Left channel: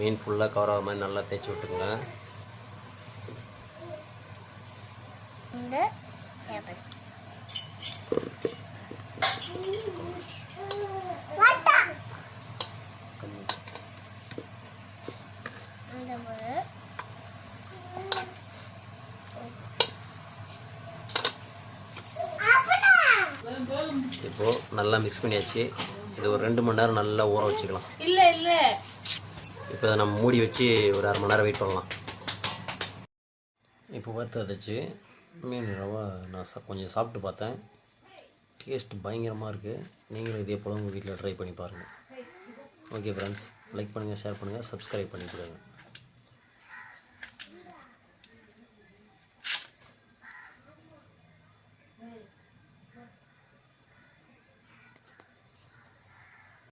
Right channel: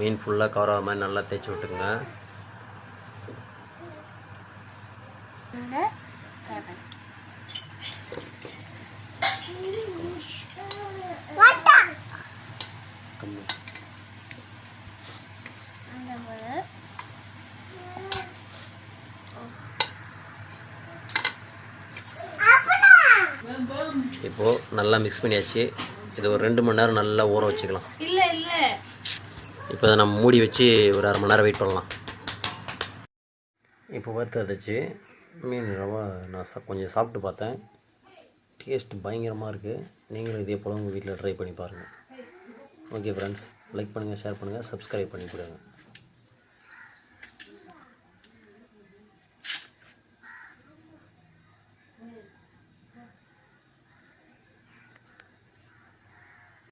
மீன் ஃபுல்லாக கவர் ஆகிற மாதிரி நல்லா தேய்ச்சி விட்டுங்க. இப்போது நல்லா மிக்ஸ் பண்ணியாச்சு. இது ஒரு 2 மணி நேரம் நல்லா ஊற வச்சுக்கலாம். இப்போ இதை நம்ம மூடி வச்சு ஒரு 1/2 மணி நேரம் வெயிட் பண்ணலாம். இப்போ வறுத்ததைச்சு மீன் ரவா நான் கொஞ்சம் சாப்பிட்டு பார்த்தேன். டேஸ்ட் பயங்கரமாக இருக்குது. நீங்களும் இதே போல் உங்கள் வீட்டில் ட்ரை பண்ணி பாருங்கள். ஓகே ஃப்ரெண்ட்ஸ், லைக் பண்ணுங்கள், ஷேர் பண்ணுங்கள், சப்ஸ்கிரைப் பண்ணி கொடுங்க.